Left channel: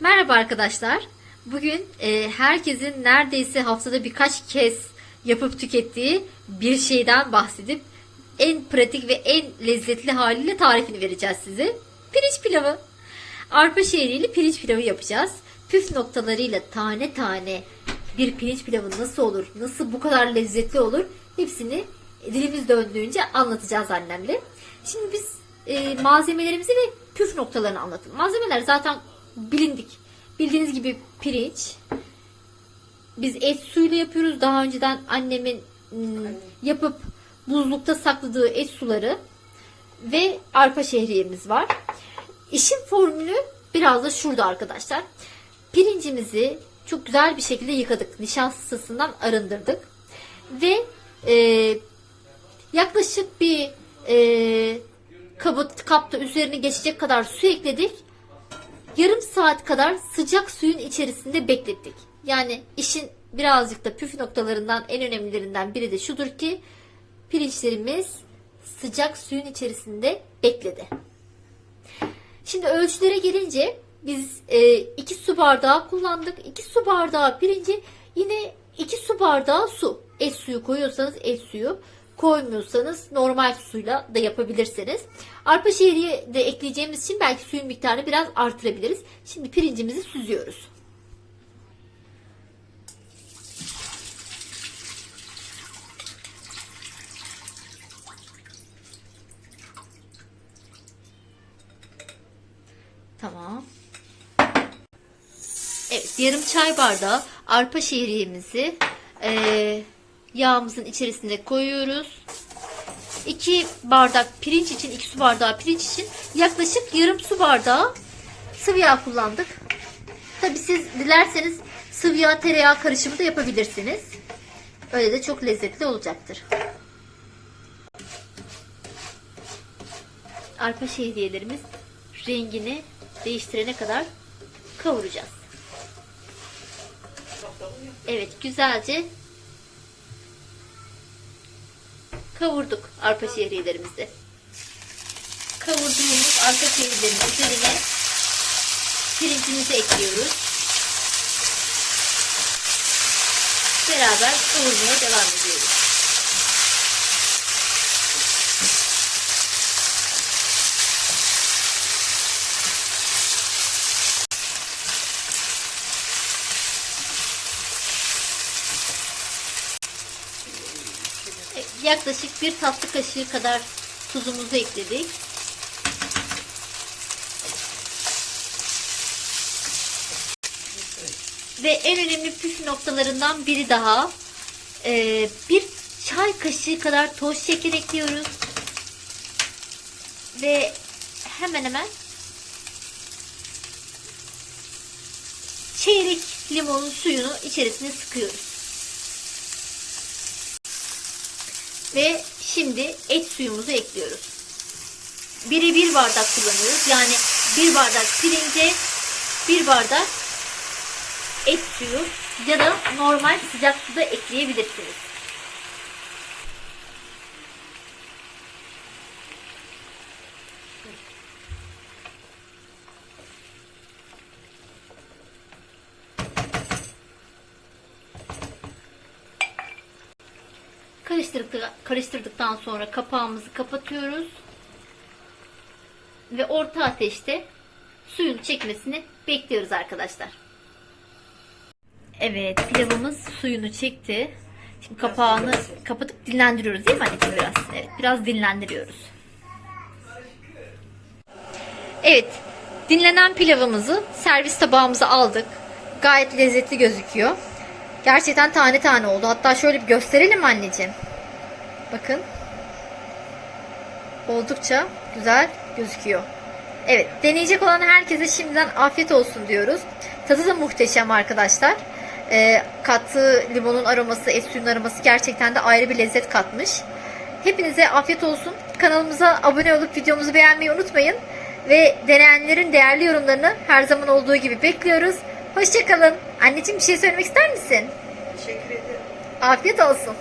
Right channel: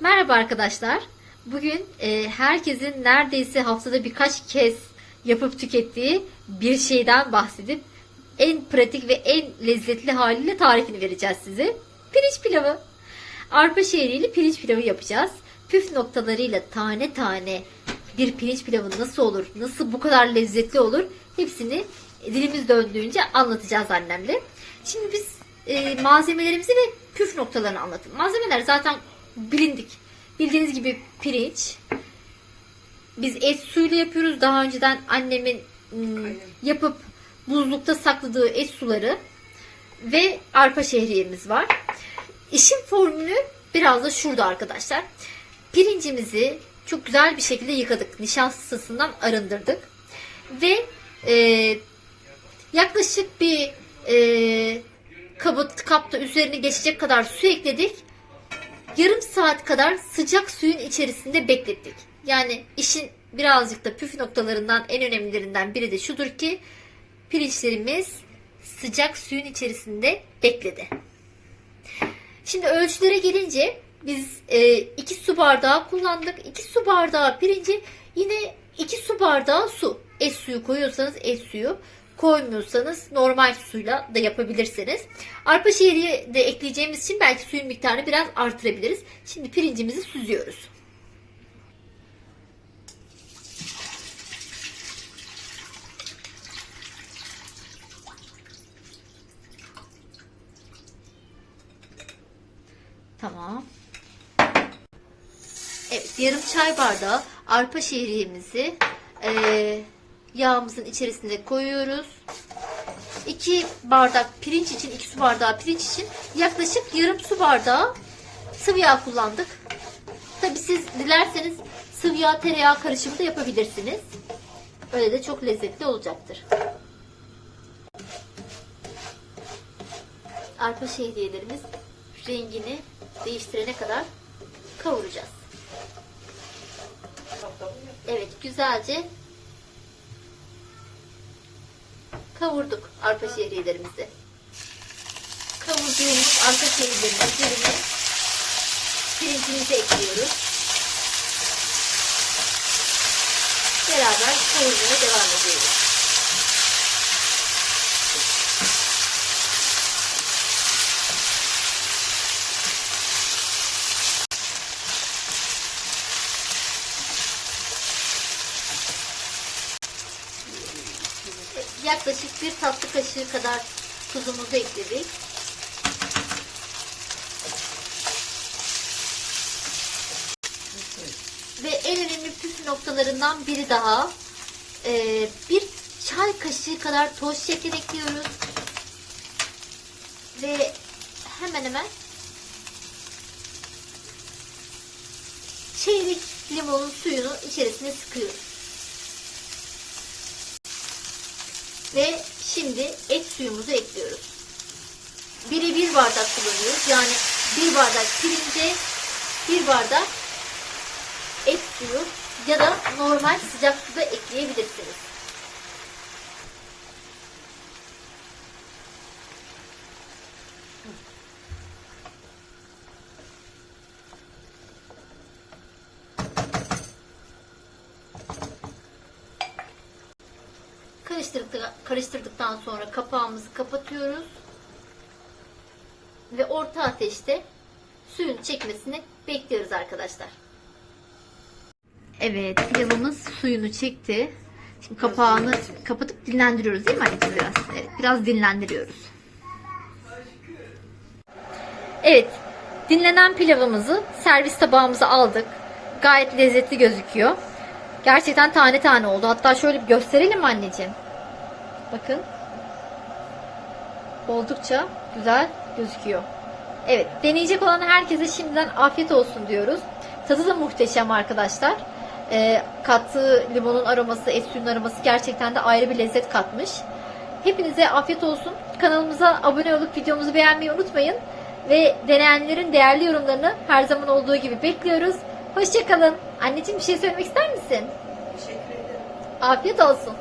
Merhaba arkadaşlar. Bugün e, herkesin neredeyse haftada birkaç kez yapıp tükettiği bir şeyden bahsedip en pratik ve en lezzetli haliyle tarifini vereceğiz size. Pirinç pilavı. Arpa şehriyle pirinç pilavı yapacağız. Püf noktalarıyla tane tane bir pirinç pilavı nasıl olur, nasıl bu kadar lezzetli olur hepsini dilimiz döndüğünce anlatacağız annemle. Şimdi biz e, malzemelerimizi ve püf noktalarını anlatalım. Malzemeler zaten bilindik. Bildiğiniz gibi pirinç. Biz et suyuyla yapıyoruz. Daha önceden annemin ım, yapıp buzlukta sakladığı et suları ve arpa şehriyemiz var. İşin formülü biraz da şurada arkadaşlar. Pirincimizi çok güzel bir şekilde yıkadık. Nişastasından arındırdık. Ve e, yaklaşık bir e, kabı, kapta üzerine geçecek kadar su ekledik. Yarım saat kadar sıcak suyun içerisinde beklettik. Yani işin birazcık da püf noktalarından en önemlilerinden biri de şudur ki pirinçlerimiz sıcak suyun içerisinde bekledi. Şimdi ölçülere gelince biz 2 su bardağı kullandık. 2 su bardağı pirinci yine 2 su bardağı su. Et suyu koyuyorsanız et suyu koymuyorsanız normal suyla da yapabilirsiniz. Arpa şehriye de ekleyeceğimiz için belki suyun miktarını biraz artırabiliriz. Şimdi pirincimizi süzüyoruz. Tamam. Evet, yarım çay bardağı arpa şehriyemizi eee, yağımızın içerisine koyuyoruz. 2 bardak pirinç için, 2 su bardağı pirinç için yaklaşık yarım su bardağı sıvı yağ kullandık. Tabi siz dilerseniz sıvı yağ tereyağı karışımı da yapabilirsiniz. Öyle de çok lezzetli olacaktır. Arpa şehriyelerimiz rengini değiştirene kadar kavuracağız. Evet güzelce kavurduk arpa şehriyelerimizi. Kavurduğumuz arpa şehriyelerinin üzerine pirincimizi ekliyoruz. Beraber kavurmaya devam Yaklaşık bir tatlı kaşığı kadar tuzumuzu ekledik. Ve en önemli püf noktalarından biri daha ee, bir çay kaşığı kadar toz şeker ekliyoruz. Ve hemen hemen çeyrek limonun suyunu içerisine sıkıyoruz. Ve şimdi et suyumuzu ekliyoruz. Biri bir bardak kullanıyoruz. Yani bir bardak pirince bir bardak et suyu ya da normal sıcak suda ekleyebilirsiniz. Karıştırdık, karıştırdıktan sonra kapağımızı kapatıyoruz. Ve orta ateşte suyun çekmesini bekliyoruz arkadaşlar. Evet pilavımız suyunu çekti. Şimdi kapağını kapatıp dinlendiriyoruz değil mi anneciğim biraz? Evet biraz dinlendiriyoruz. Evet dinlenen pilavımızı servis tabağımıza aldık. Gayet lezzetli gözüküyor. Gerçekten tane tane oldu. Hatta şöyle bir gösterelim anneciğim? Bakın. Oldukça güzel gözüküyor. Evet, deneyecek olan herkese şimdiden afiyet olsun diyoruz. Tadı da muhteşem arkadaşlar. Ee, kattığı limonun aroması, et suyunun aroması gerçekten de ayrı bir lezzet katmış. Hepinize afiyet olsun. Kanalımıza abone olup videomuzu beğenmeyi unutmayın. Ve deneyenlerin değerli yorumlarını her zaman olduğu gibi bekliyoruz. Hoşçakalın. Anneciğim bir şey söylemek ister misin? Teşekkür ederim. Afiyet olsun.